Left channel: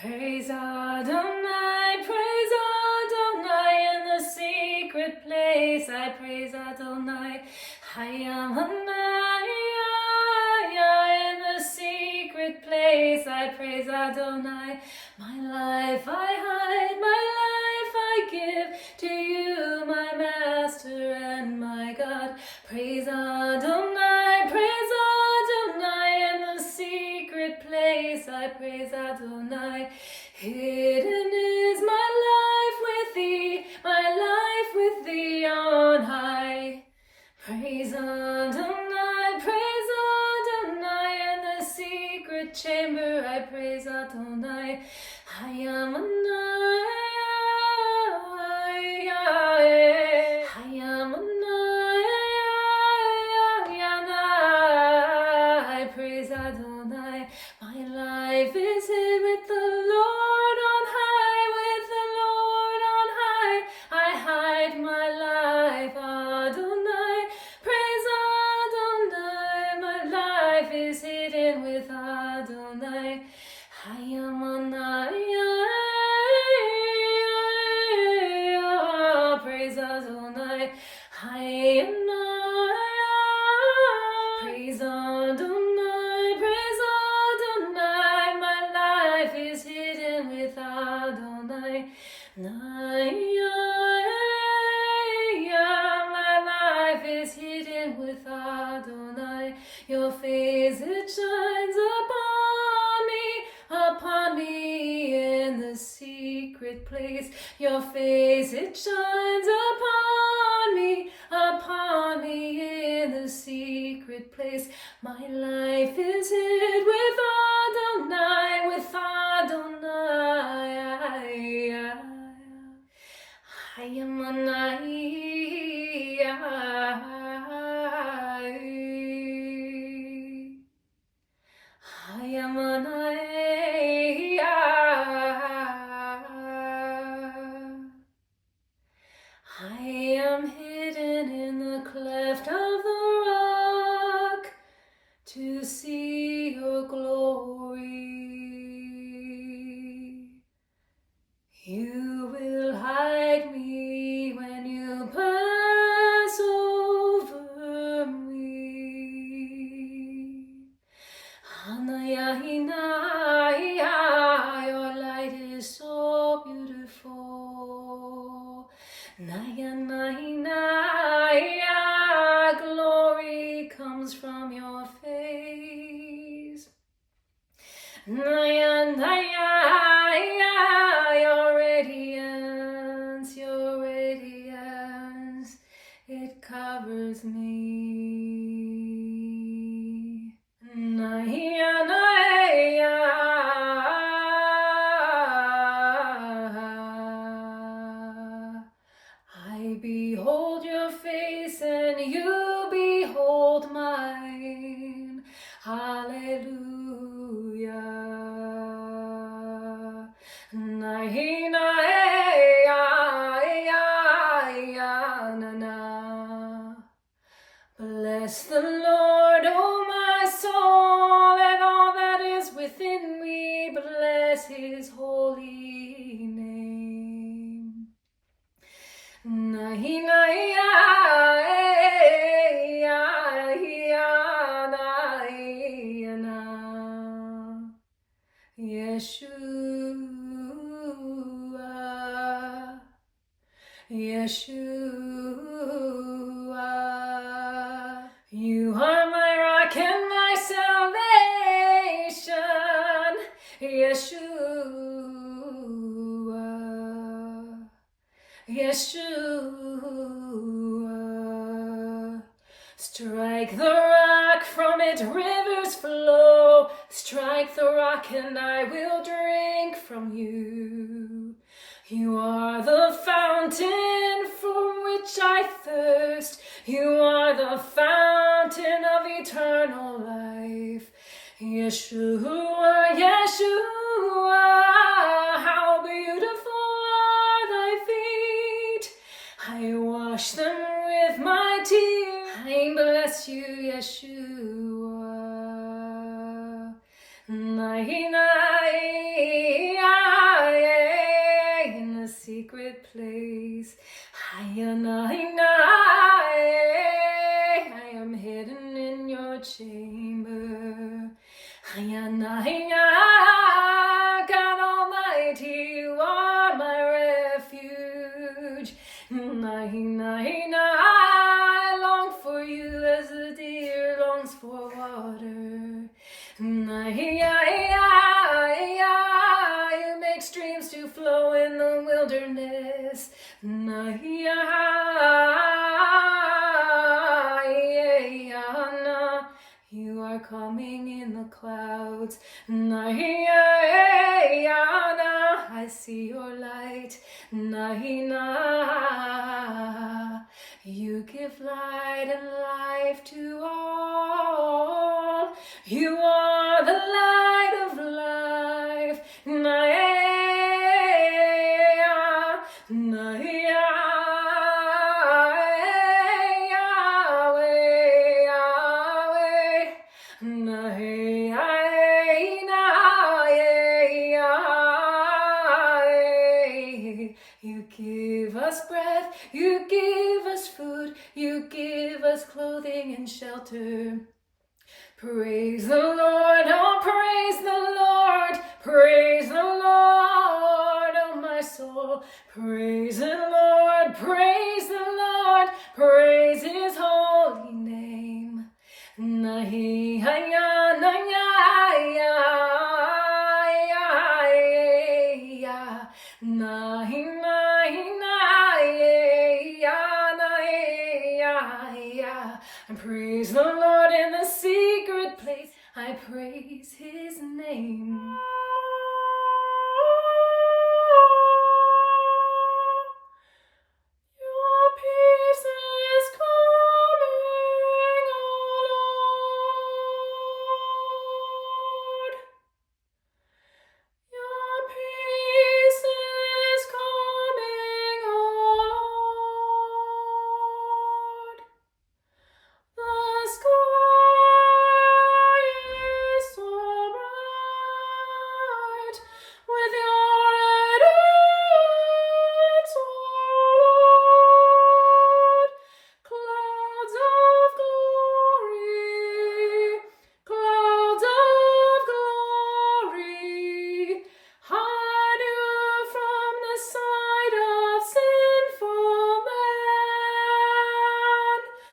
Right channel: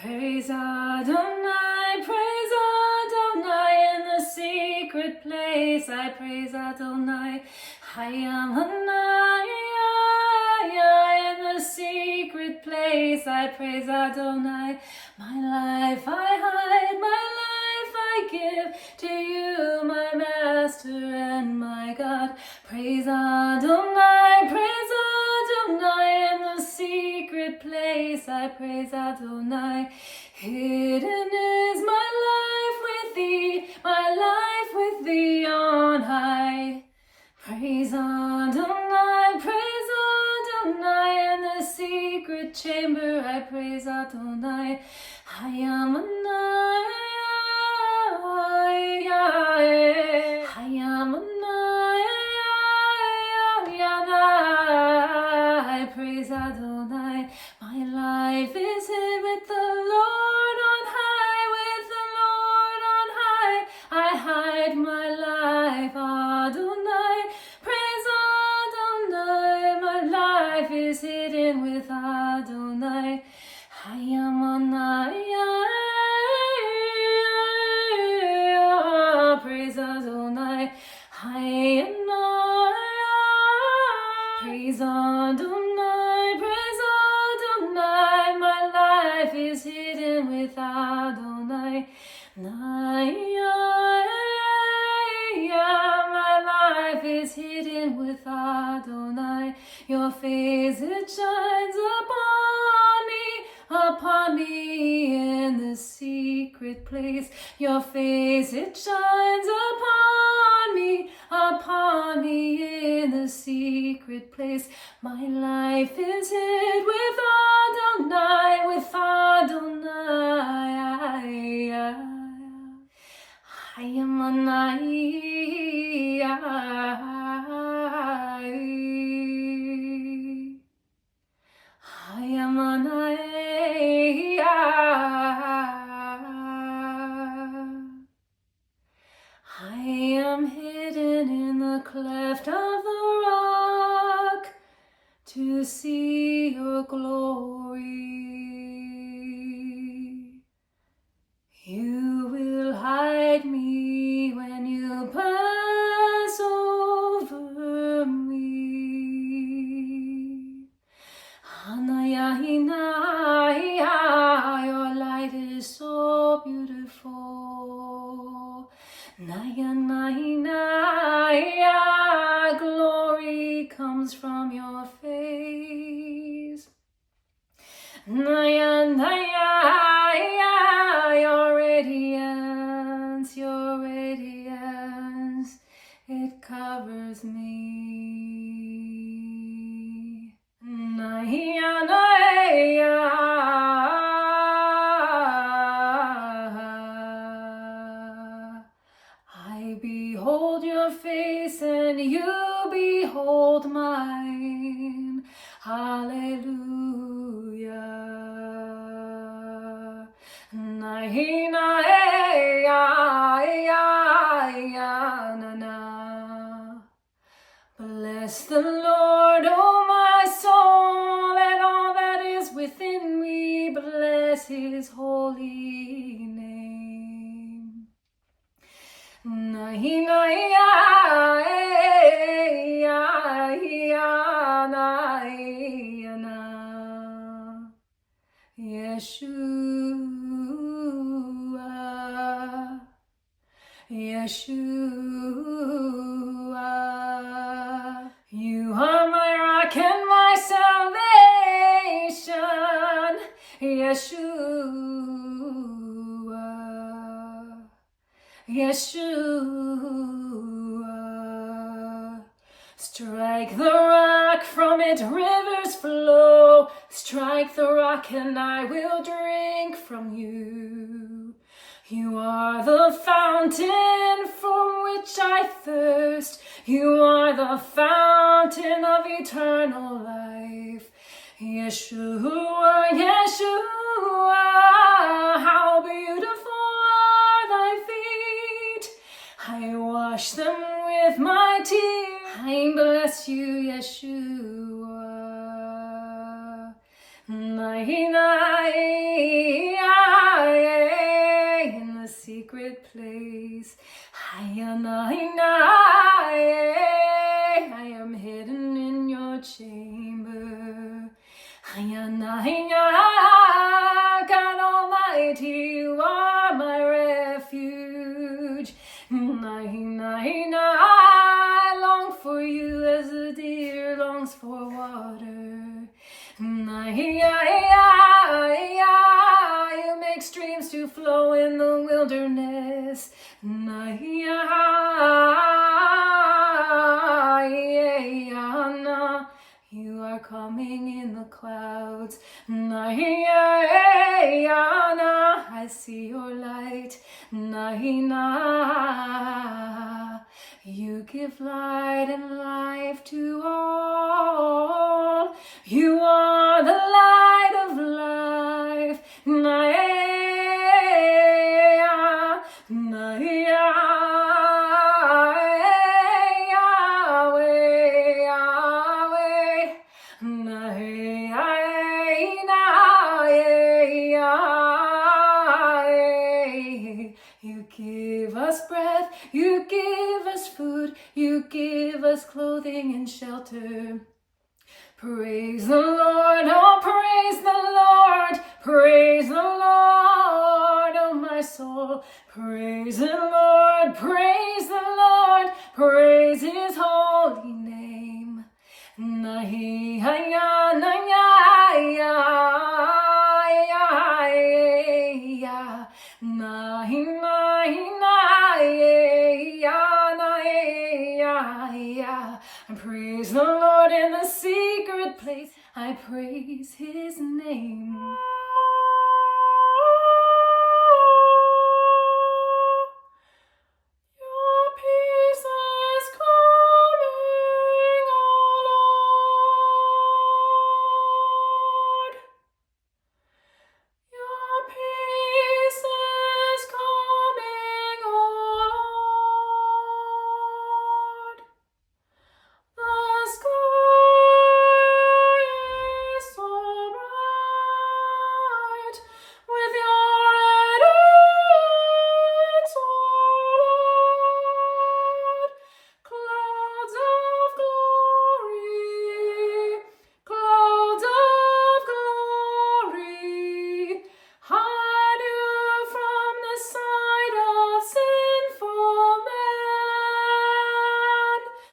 Praise Adonai, praise Adonai in the secret place. I praise Adonai. I am in the secret place. I praise Adonai. My life I hide, my life I give to you, my Master and my God. Praise Adonai, praise Adonai in the secret place. I praise Adonai. Hidden is my life with thee, my life with thee on high. Praise Adonai, praise Adonai in the secret chamber. I praise Adonai. I am Adonai. I am Adonai. Praise Adonai. My life is hid with the Lord on high, with the Lord on high. I hide my life, Adonai. Praise Adonai. My life is hidden with Adonai. I am Adonai. Praise Adonai. I am praise Adonai. Praise Adonai. My life is hidden with Adonai. My life is hidden with Adonai. Your face it shines upon me in the secret place. Your face it shines upon me in the secret place. My life is hid with Adonai, with Adonai. I am Adonai. I am Adonai. I am hidden in the cleft of the rock to see your glory. You will hide me when you pass over me. Your light is so beautiful. Glory comes from your face. Your radiance, it covers me. I behold your face and you behold mine. Hallelujah. Bless the Lord, oh my soul, and all that is within me. Bless his holy name. Yeshua, Yeshua, you are my rock and my salvation. Yeshua, Yeshua, strike the rock, from it rivers flow. Strike the rock and I will drink from you. You are the fountain from which I thirst. You are the fountain of eternal life. Yeshua, Yeshua, how beautiful are thy feet. I wash them with my tears. I bless you, Yeshua. see your light. Nahi na. You give light and life to all. You are the light of life. You give us breath, you give us food, you give us clothing and shelter. Praise the Lord, oh praise the Lord, praise the Lord, oh my soul. Praise the Lord, praise the Lord, praise his holy name. Nahi haya naya ya nahi nahi naya. I praise the Lord in the secret place. I praise